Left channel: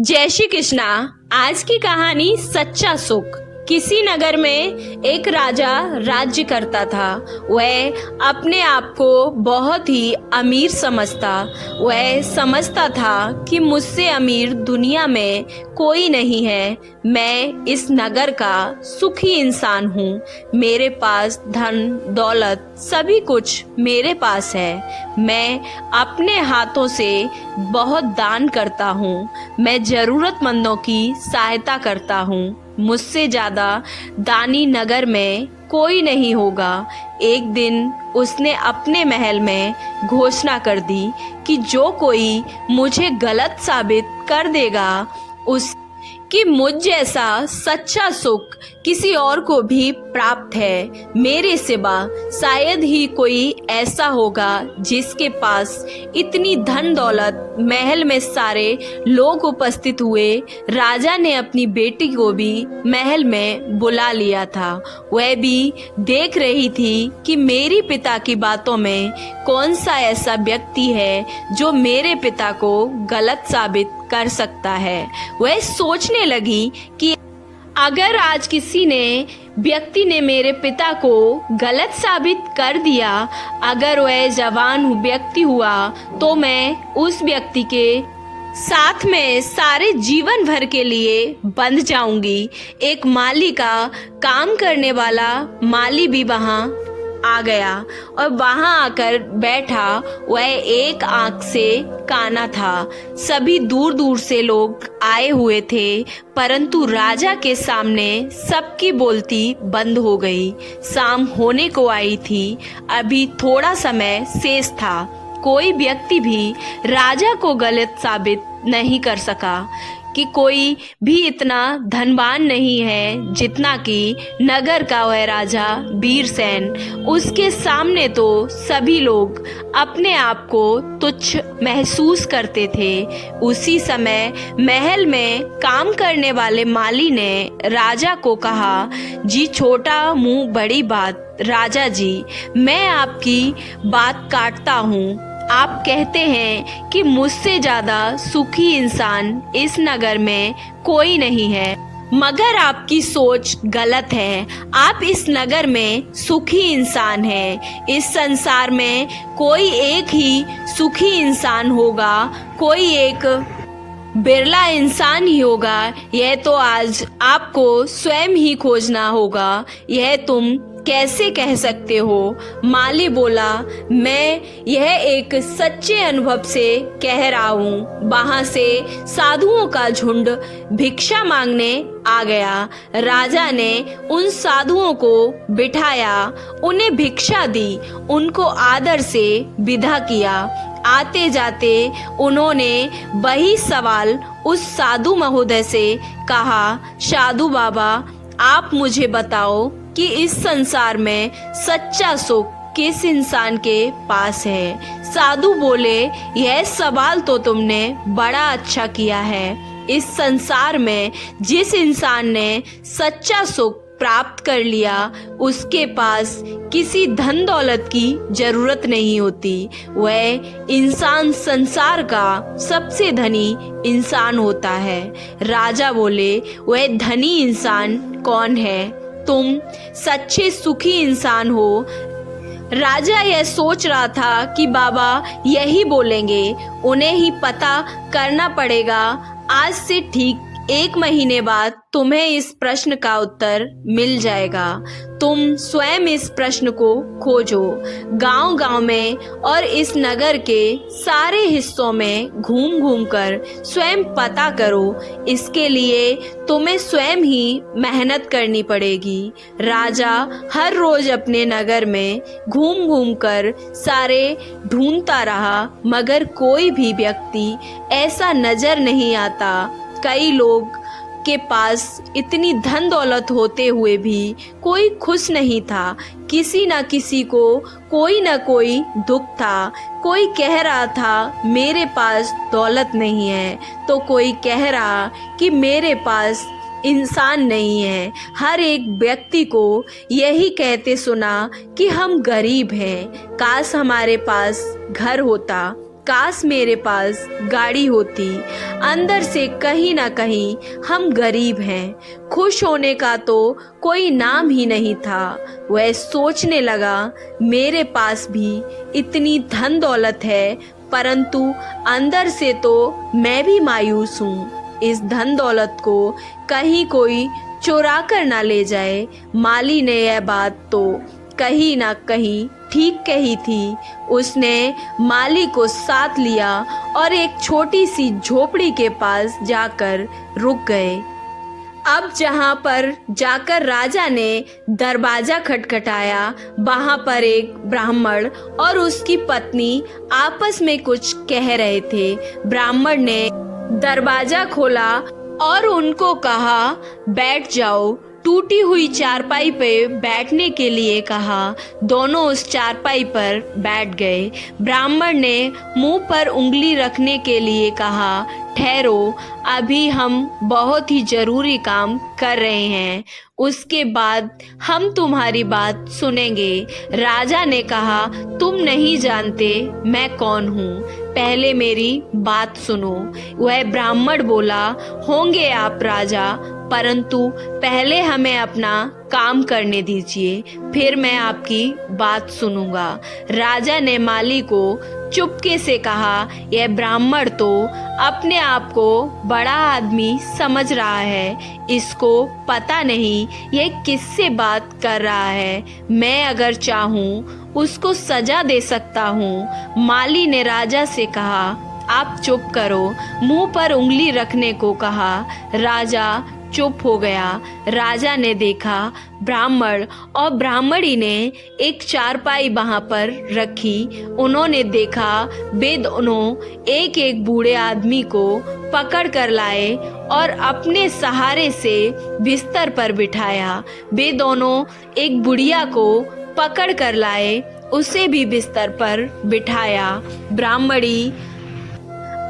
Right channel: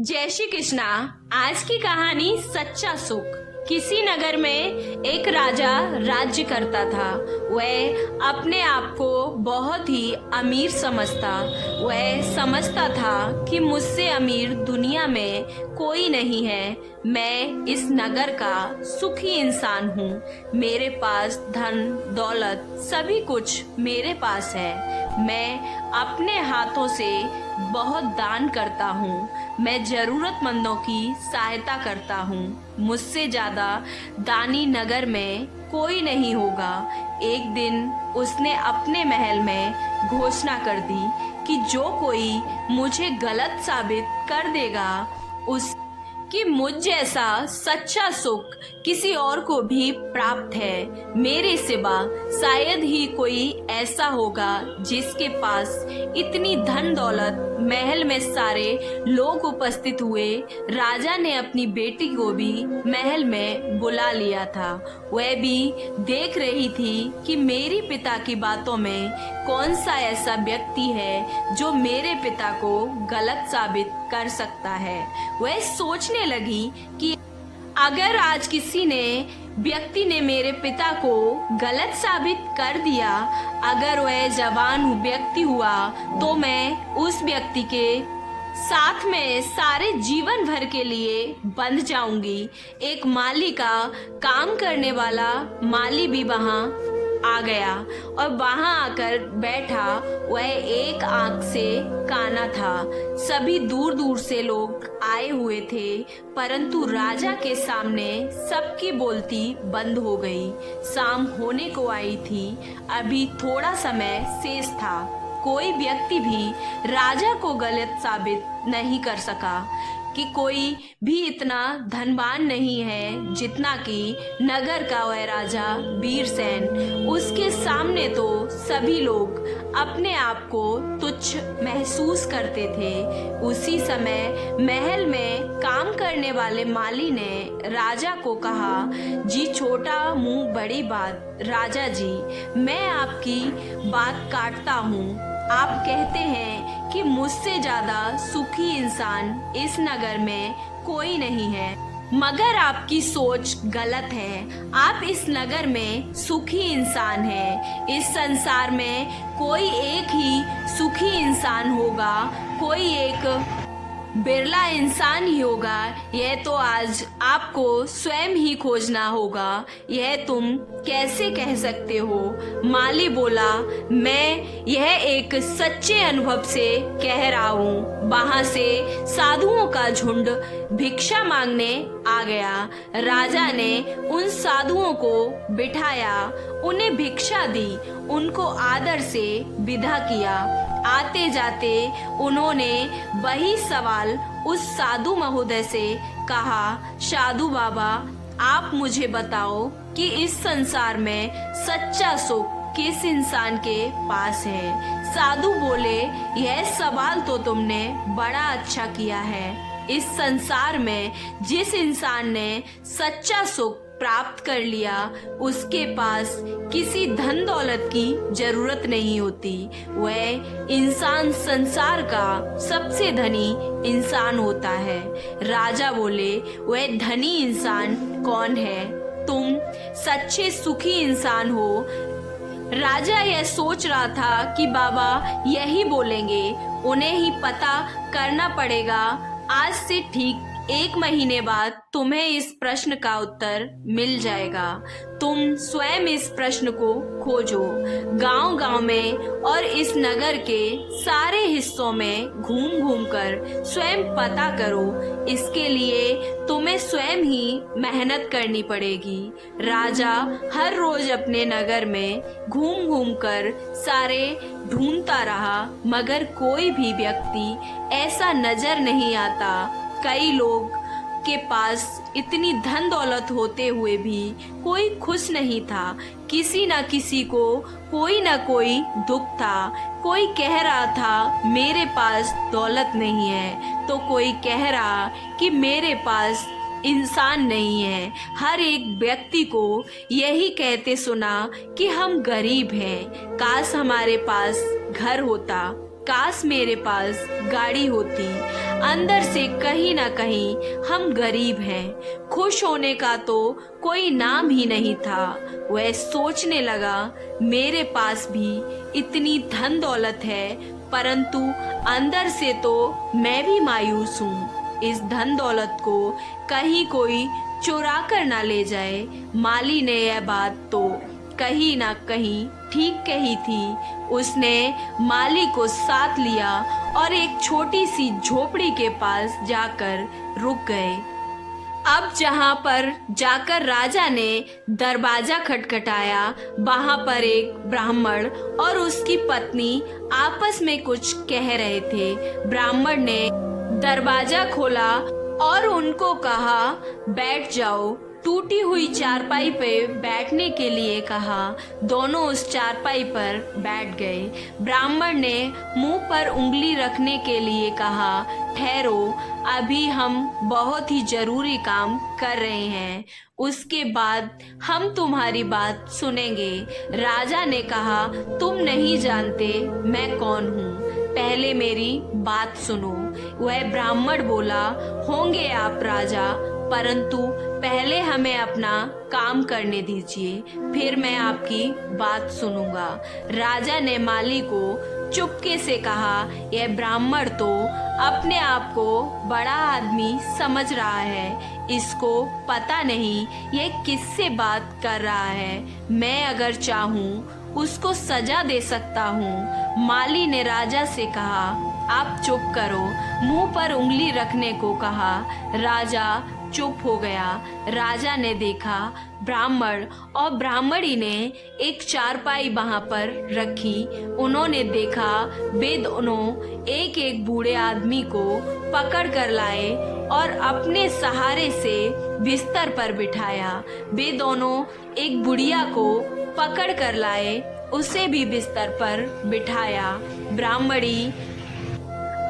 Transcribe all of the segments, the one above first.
जय श्री कृष्णा। आज की कहानी सच्चा सुख। किसी नगर में एक राजा राज्य करता था। वह अपने आप को बहुत ही अमीर समझता। वह समझता था कि मुझसे अमीर दुनिया में कोई नहीं है। मैं इस नगर का सुखी इंसान हूँ। मेरे पास धन दौलत सभी कुछ मेरे पास है। मैं अपने हाथों से बहुत दान करता हूँ। मैं जरूरतमंदों की सहायता करता हूँ। मुझसे ज्यादा दानी नगर में कोई नहीं होगा। एक दिन उसने अपने महल में घोषणा कर दी कि जो कोई मुझे गलत साबित कर देगा उस कि मुझ जैसा सच्चा सुख किसी और को भी प्राप्त है। मेरे सिवा शायद ही कोई ऐसा होगा जिसके पास इतनी धन दौलत। महल में सारे लोग उपस्थित हुए। राजा ने अपनी बेटी को भी महल में बुला लिया था। वह भी देख रही थी कि मेरी पिता की बातों में कौन सा ऐसा व्यक्ति है जो मेरे पिता को गलत साबित कर सकता है। वह सोचने लगी कि अगर आज किसी व्यक्ति ने मेरे पिता को गलत साबित कर दिया, अगर वह जवान व्यक्ति हुआ, तो मैं उस व्यक्ति के साथ में सारे जीवन भर के लिए बंध जाऊंगी। एक माली का काम करने वाला माली भी वहां आ गया और वहां आकर बैठा। वह एक आंख से काना था। सभी दूर दूर से लोग आए हुए थे, परंतु राजा के सामने सबकी बोलती बंद हो गई। शाम होने को आई थी। अभी थोड़ा समय शेष था। कोई व्यक्ति भी राजा को गलत साबित नहीं कर सका कि कोई भी इतना धनवान नहीं है जितना कि नगर का वह राजा वीरसेन। उसके सामने तो सभी लोग अपने आप को तुच्छ महसूस करते थे। उसी समय महल में काम करने वाले माली ने राजा को कहा, जी छोटा मुंह बड़ी बात। राजा जी, मैं आपकी बात काटता हूँ। आप कहते हैं कि मुझसे ज्यादा सुखी इंसान इस नगर में कोई नहीं है, मगर आपकी सोच गलत है। आप इस नगर में सुखी इंसान हैं। इस संसार में कोई एक ही सुखी इंसान होगा, कोई एक बिरला इंसान ही होगा। यह तो आज आपको स्वयं ही खोजना होगा। यह तुम कैसे कह सकते हो? माली बोला, मैं यह एक सच्चे अनुभव से कह रहा हूँ। वहां से साधुओं का झुंड भिक्षा मांगने आ गया। राजा ने उन साधुओं को बिठाया, उन्हें भिक्षा दी, उनको आदर से विदा किया। आते जाते उन्होंने वही सवाल उस साधु महोदय से कहा, साधु बाबा, आप मुझे बताओ कि इस संसार में सच्चा सुख किस इंसान के पास है? साधु बोले, यह सवाल तो तुमने बड़ा अच्छा किया है। इस संसार में जिस इंसान ने सच्चा सुख प्राप्त कर लिया, उसके पास किसी धन दौलत की जरूरत नहीं होती। वह इंसान संसार का सबसे धनी इंसान होता है। राजा बोले, वह धनी इंसान कौन है? तुम सच्चे सुखी इंसान हो। राजा यह सोच रहा था कि बाबा यही बोलेंगे, उन्हें ही पता करना पड़ेगा। आज से ठीक 1 महीने बाद तुम्हें इस प्रश्न का उत्तर मिल जाएगा। तुम स्वयं इस प्रश्न को खोजो। गांव गांव में और इस नगर के सारे हिस्सों में घूम घूम कर स्वयं पता करो। इसके लिए तुम्हें स्वयं ही मेहनत करनी पड़ेगी। राजा हर रोज अपने नगर में घूम घूम कर सारे ढूंढता रहा, मगर कोई भी व्यक्ति ऐसा नजर नहीं आता। कई लोग के पास इतनी धन दौलत होते हुए भी कोई खुश नहीं था। किसी न किसी को कोई न कोई दुख था। कोई कह रहा था मेरे पास दौलत नहीं है, तो कोई कह रहा कि मेरे पास इंसान नहीं है। हर एक व्यक्ति को यही कहते सुना कि हम गरीब हैं, काश हमारे पास घर होता, काश मेरे पास गाड़ी होती। अंदर से कहीं ना कहीं हम गरीब हैं। खुश होने का तो कोई नाम ही नहीं था। वह सोचने लगा, मेरे पास भी इतनी धन दौलत है, परंतु अंदर से तो मैं भी मायूस हूँ। इस धन दौलत को कहीं कोई चुरा कर ना ले जाए। माली ने यह बात तो कहीं ना कहीं ठीक कही थी। उसने माली को साथ लिया और एक छोटी सी झोपड़ी के पास जाकर रुक गए। अब जहाँ पर जाकर राजा ने दरवाजा खटखटाया, वहाँ पर एक ब्राह्मण और उसकी पत्नी आपस में कुछ कह रहे थे। ब्राह्मण ने दरवाजा खोला और उनको कहा, बैठ जाओ। टूटी हुई चारपाई पे बैठने के लिए कहा। दोनों उस चारपाई पर बैठ गए। ब्राह्मण ने मुंह पर उंगली रखने के लिए कहा, ठहरो, अभी हम बहुत ही जरूरी काम कर रहे हैं, उसके बाद हम तुम्हारी बात सुनेंगे। राजा ने कहा, तुम नहीं जानते मैं कौन हूँ, पहले मेरी बात सुनो। वह ब्राह्मण बोला, होंगे आप राजा, परंतु पहले हमें अपना काम करने दीजिए, फिर मैं आपकी बात सुनूंगा। राजा ने माली को चुपके से कहा, यह ब्राह्मण तो अपने आप को बड़ा आदमी समझ रहा है, इसको पता नहीं ये किससे बात कर रहा है। मैं अगर चाहूँ उसको सजा दे सकता हूँ। माली ने राजा से कहा, आप चुप करो। मुंह पर उंगली रखने को कहा। राजा चुप हो गया। राजा ने देखा, ब्राह्मण और ब्राह्मणी ने एक चारपाई वहां पर रखी। उन्होंने देखा, वे दोनों एक एक बूढ़े आदमी को पकड़ कर लाए और अपने सहारे से बिस्तर पर बिठाया। वे दोनों एक बुढ़िया को पकड़ कर लाए, उसे भी बिस्तर पर बिठाया। ब्राह्मणी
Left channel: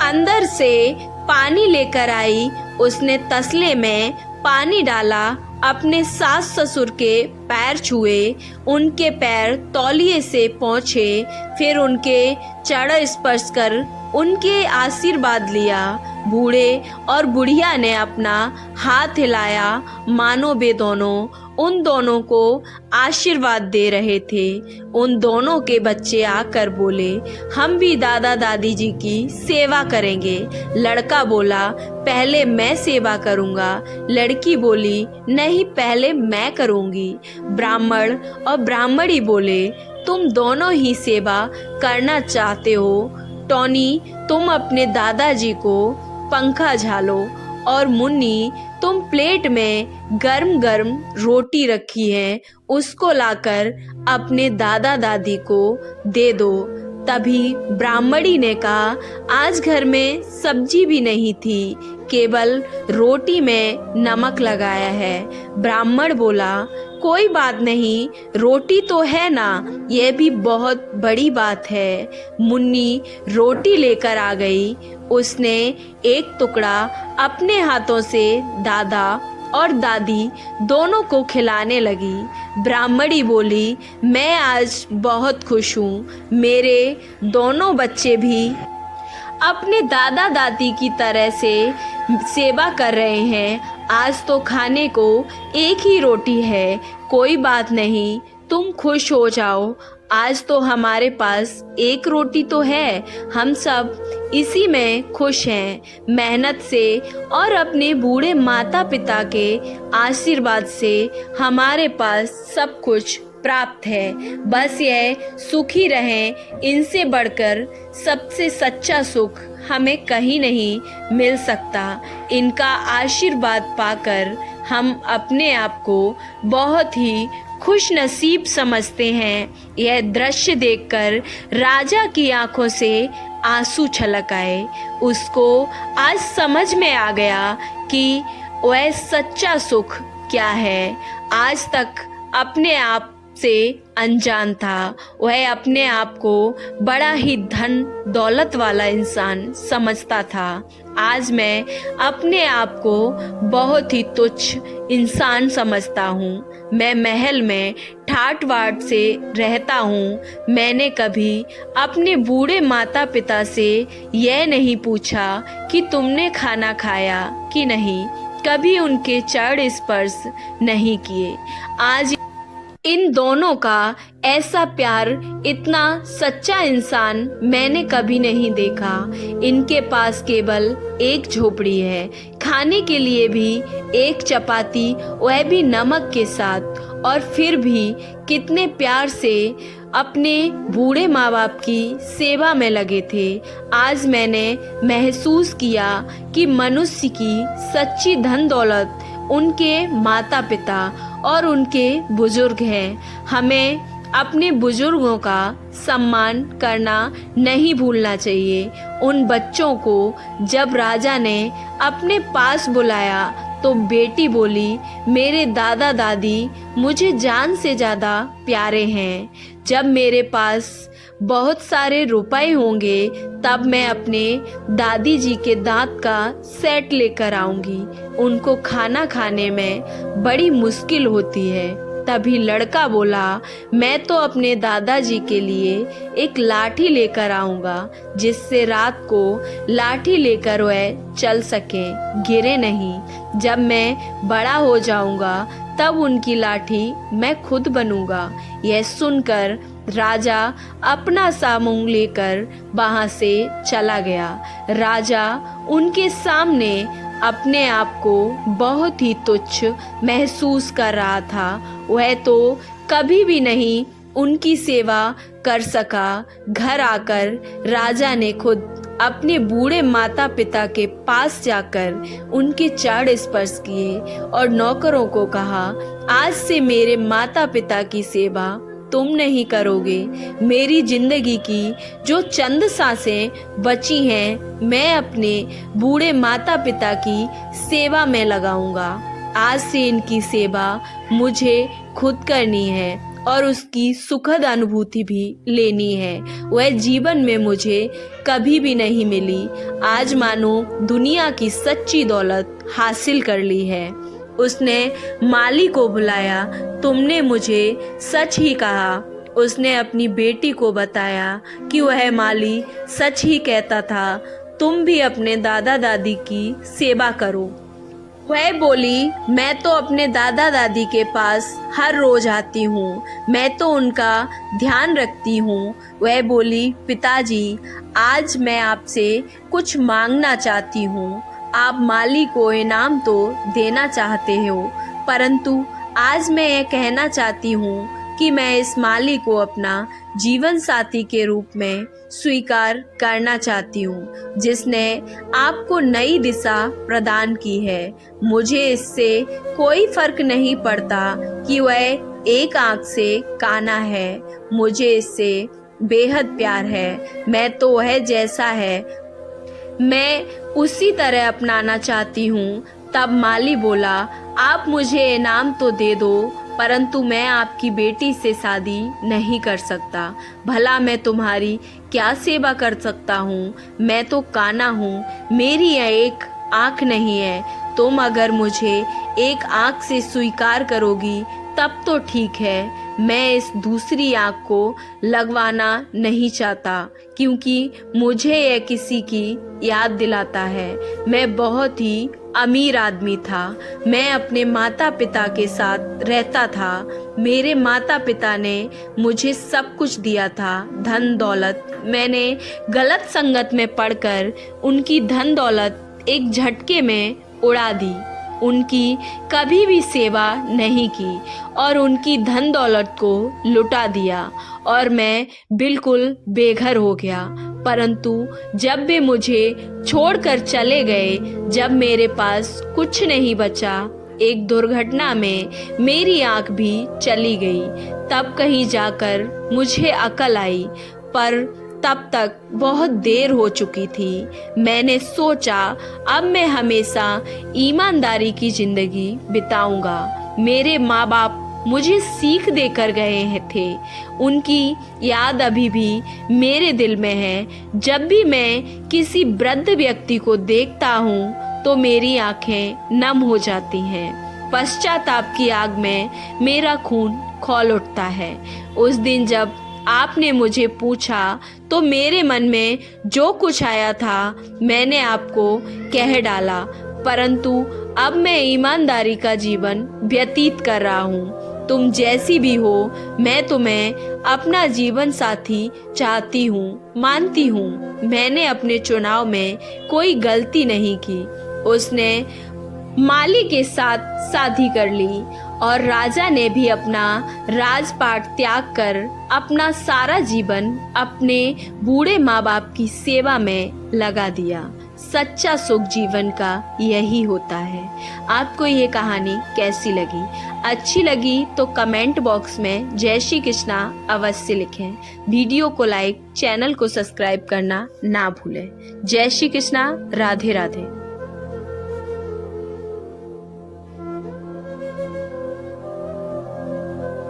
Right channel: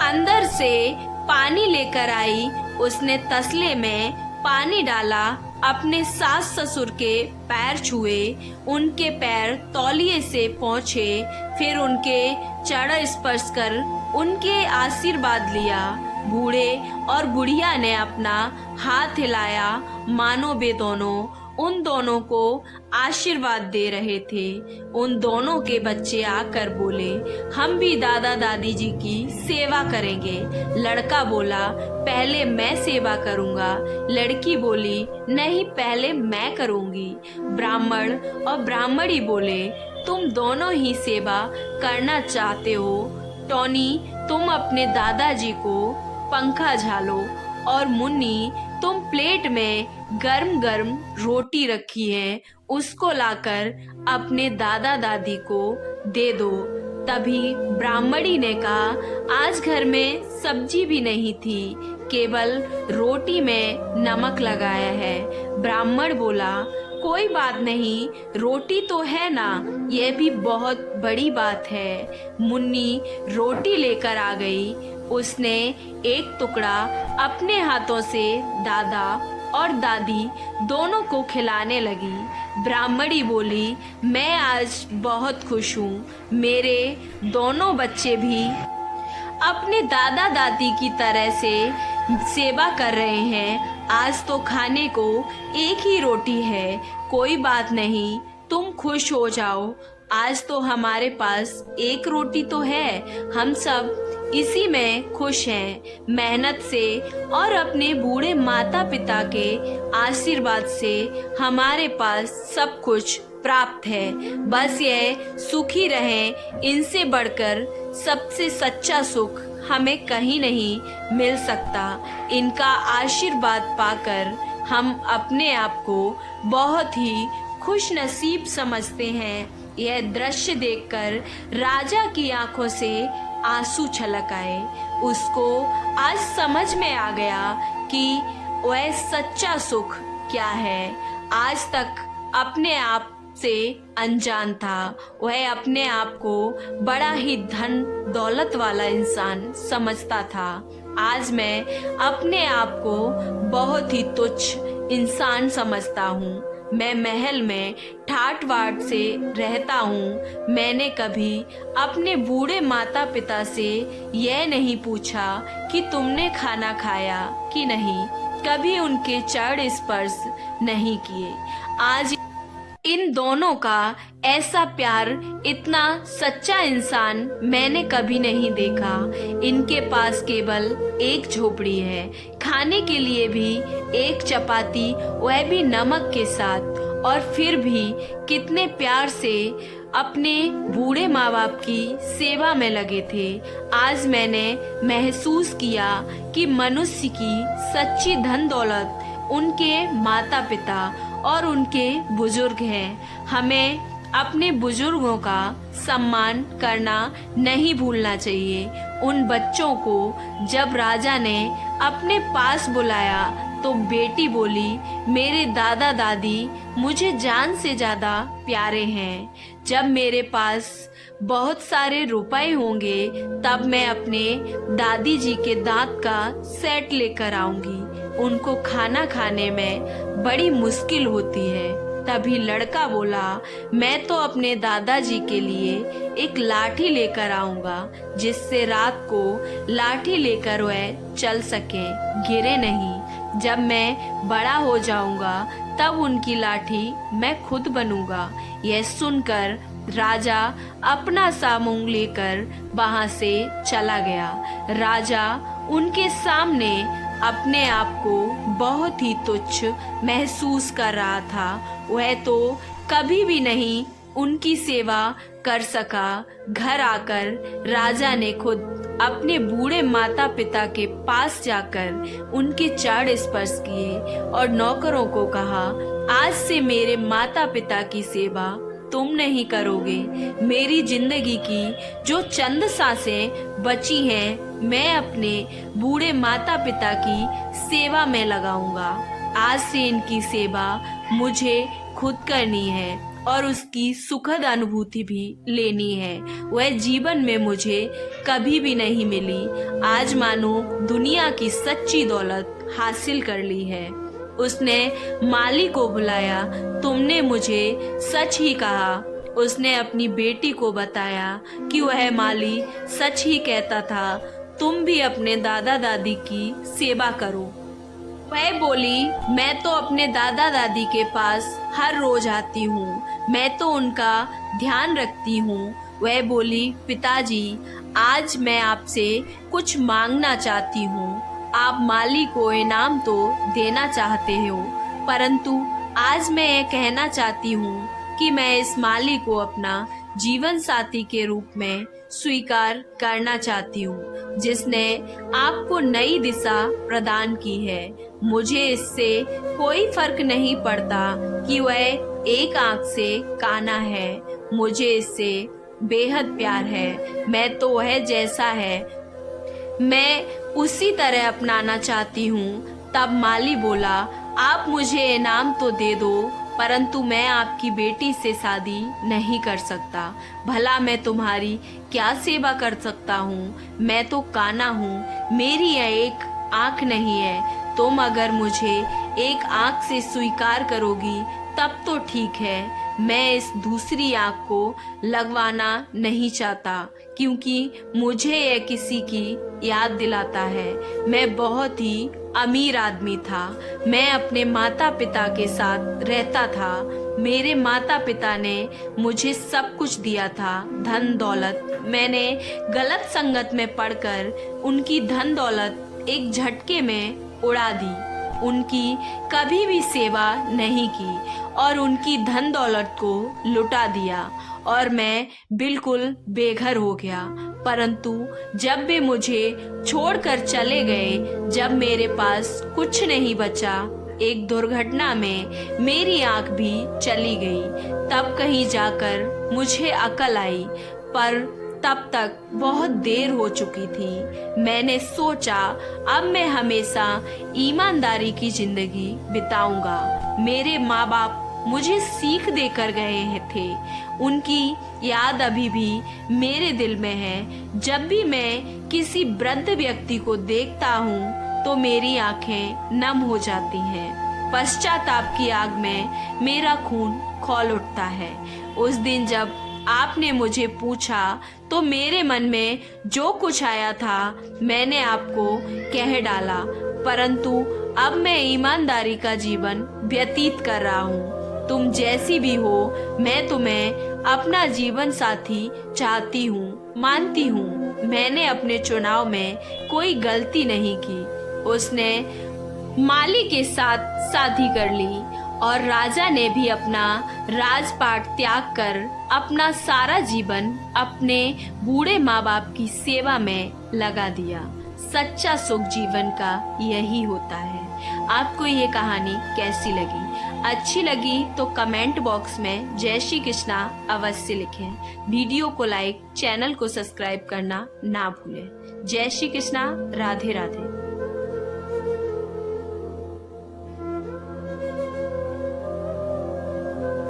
अंदर से पानी लेकर आई। उसने तसले में पानी डाला, अपने सास ससुर के पैर छुए, उनके पैर तौलिए से पोंछे, फिर उनके चरण स्पर्श कर उनके आशीर्वाद लिया। बूढ़े और बुढ़िया ने अपना हाथ हिलाया, मानो वे दोनों उन दोनों को आशीर्वाद दे रहे थे। उन दोनों के बच्चे आकर बोले, हम भी दादा दादी जी की सेवा करेंगे। लड़का बोला, पहले मैं सेवा करूंगा। लड़की बोली, नहीं, पहले मैं करूंगी। ब्राह्मण और ब्राह्मणी बोले, तुम दोनों ही सेवा करना चाहते हो। टोनी, तुम अपने दादाजी को पंखा झालो, और मुन्नी, तुम प्लेट में गर्म गर्म रोटी रखी है, उसको लाकर अपने दादा दादी को दे दो। तभी ब्राह्मणी ने कहा, आज घर में सब्जी भी नहीं थी, केवल रोटी में नमक लगाया है। ब्राह्मण बोला, कोई बात नहीं, रोटी तो है ना, यह भी बहुत बड़ी बात है। मुन्नी रोटी लेकर आ गई। उसने एक टुकड़ा अपने हाथों से दादा और दादी दोनों को खिलाने लगी। ब्राह्मणी बोली, मैं आज बहुत खुश हूँ, मेरे दोनों बच्चे भी अपने दादा दादी की तरह से सेवा कर रहे हैं। आज तो खाने को एक ही रोटी है, कोई बात नहीं, तुम खुश हो जाओ। आज तो हमारे पास एक रोटी तो है, हम सब इसी में खुश हैं। मेहनत से और अपने बूढ़े माता पिता के आशीर्वाद से हमारे पास सब कुछ प्राप्त है। बस यह सुखी रहें, इनसे बढ़कर सबसे सच्चा सुख हमें कहीं नहीं मिल सकता। इनका आशीर्वाद पाकर हम अपने आप को बहुत ही खुश नसीब समझते हैं। यह दृश्य देखकर राजा की आंखों से आंसू छलक आए। उसको आज समझ में आ गया कि वह सच्चा सुख क्या है। आज तक अपने आप से अनजान था। वह अपने आप को बड़ा ही धन दौलत वाला इंसान समझता था। आज मैं अपने आप को बहुत ही तुच्छ इंसान समझता हूँ। मैं महल में ठाट बाट से रहता हूँ। मैंने कभी अपने बूढ़े माता पिता से यह नहीं पूछा कि तुमने खाना खाया कि नहीं, कभी उनके चरण स्पर्श नहीं किए। आज इन दोनों का ऐसा प्यार, इतना सच्चा इंसान मैंने कभी नहीं देखा। इनके पास केवल एक झोपड़ी है, खाने के लिए भी एक चपाती, वह भी नमक के साथ, और फिर भी कितने प्यार से अपने बूढ़े माँ बाप की सेवा में लगे थे। आज मैंने महसूस किया कि मनुष्य की सच्ची धन दौलत उनके माता पिता और उनके बुजुर्ग हैं। हमें अपने बुजुर्गों का सम्मान करना नहीं भूलना चाहिए। उन बच्चों को जब राजा ने अपने पास बुलाया तो बेटी बोली, मेरे दादा दादी मुझे जान से ज्यादा प्यारे हैं। जब मेरे पास बहुत सारे रुपए होंगे तब मैं अपने दादी जी के दांत का सेट लेकर आऊंगी। उनको खाना खाने में बड़ी मुश्किल होती है। तभी लड़का बोला, मैं तो अपने दादाजी के लिए एक लाठी लेकर आऊंगा, जिससे रात को लाठी लेकर वह चल सके, गिरे नहीं। जब मैं बड़ा हो जाऊंगा तब उनकी लाठी मैं खुद बनूंगा। यह सुनकर राजा अपना सामुंग लेकर वहां से चला गया। राजा उनके सामने अपने आप को बहुत ही तुच्छ महसूस कर रहा था। वह तो कभी भी नहीं उनकी सेवा कर सका। घर आकर राजा ने खुद अपने बूढ़े माता पिता के पास जाकर उनके चरण स्पर्श किए और नौकरों को कहा, आज से मेरे माता पिता की सेवा तुम नहीं करोगे। मेरी जिंदगी की जो चंद सांसें बची हैं, मैं अपने बूढ़े माता पिता की सेवा में लगाऊंगा। आज से इनकी सेवा मुझे खुद करनी है और उसकी सुखद अनुभूति भी लेनी है। वह जीवन में मुझे कभी भी नहीं मिली। आज मानो दुनिया की सच्ची दौलत हासिल कर ली है। उसने माली को बुलाया, तुमने मुझे सच ही कहा। उसने अपनी बेटी को बताया कि वह माली सच ही कहता था। तुम भी अपने दादा दादी की सेवा करो। वह बोली, मैं तो अपने दादा दादी के पास हर रोज आती हूँ, मैं तो उनका ध्यान रखती हूँ। वह बोली, पिताजी, आज मैं आपसे कुछ मांगना चाहती हूँ। आप माली को इनाम तो देना चाहते हो, परंतु आज मैं ये कहना चाहती हूँ कि मैं इस माली को अपना जीवन साथी के रूप में स्वीकार करना चाहती हूँ, जिसने आपको नई दिशा प्रदान की है। मुझे इससे कोई फर्क नहीं पड़ता कि वह एक आंख से काना है, मुझे इससे बेहद प्यार है। मैं तो वह जैसा है मैं उसी तरह अपनाना चाहती हूँ। तब माली बोला, आप मुझे इनाम तो दे दो, परंतु मैं आपकी बेटी से शादी नहीं कर सकता। भला मैं तुम्हारी क्या सेवा कर सकता हूँ? मैं तो काना हूँ, मेरी यह एक आँख नहीं है। तुम अगर मुझे एक आँख से स्वीकार करोगी तब तो ठीक है। मैं इस दूसरी आँख को लगवाना नहीं चाहता, क्योंकि मुझे यह किसी की याद दिलाता है। मैं बहुत ही अमीर आदमी था। मैं अपने माता पिता के साथ रहता था। मेरे माता पिता ने मुझे सब कुछ दिया था, धन दौलत। मैंने गलत संगत में पड़कर उनकी धन दौलत एक झटके में उड़ा दी। उनकी कभी भी सेवा नहीं की और उनकी धन दौलत को लुटा दिया और मैं बिल्कुल बेघर हो गया। परंतु जब वे मुझे छोड़कर चले गए, जब मेरे पास कुछ नहीं बचा, एक दुर्घटना में मेरी आंख भी चली गई। तब कहीं जाकर मुझे अकल आई, पर तब तक बहुत देर हो चुकी थी। मैंने सोचा अब मैं हमेशा ईमानदारी की जिंदगी बिताऊंगा। मेरे माँ बाप मुझे सीख देकर गए थे, उनकी याद अभी भी मेरे दिल में है। जब भी मैं किसी वृद्ध व्यक्ति को देखता हूँ तो मेरी आंखें नम हो जाती हैं। पश्चाताप की आग में मेरा खून खौल उठता है। उस दिन जब आपने मुझे पूछा तो मेरे मन में जो कुछ आया था मैंने आपको कह डाला, परंतु अब मैं ईमानदारी का जीवन व्यतीत कर रहा हूँ। तुम जैसी भी हो, मैं तुम्हें अपना जीवन साथी चाहती हूँ, मानती हूँ। मैंने अपने चुनाव में कोई गलती नहीं की। उसने माली के साथ शादी कर ली और राजा ने भी अपना राजपाट त्याग कर अपना सारा जीवन अपने बूढ़े माँ बाप की सेवा में लगा दिया। सच्चा सुख जीवन का यही होता है। आपको ये कहानी कैसी लगी? अच्छी लगी तो कमेंट बॉक्स में जय श्री कृष्णा अवश्य लिखें। वीडियो को लाइक, चैनल को सब्सक्राइब करना ना भूलें। जय श्री कृष्णा, राधे राधे।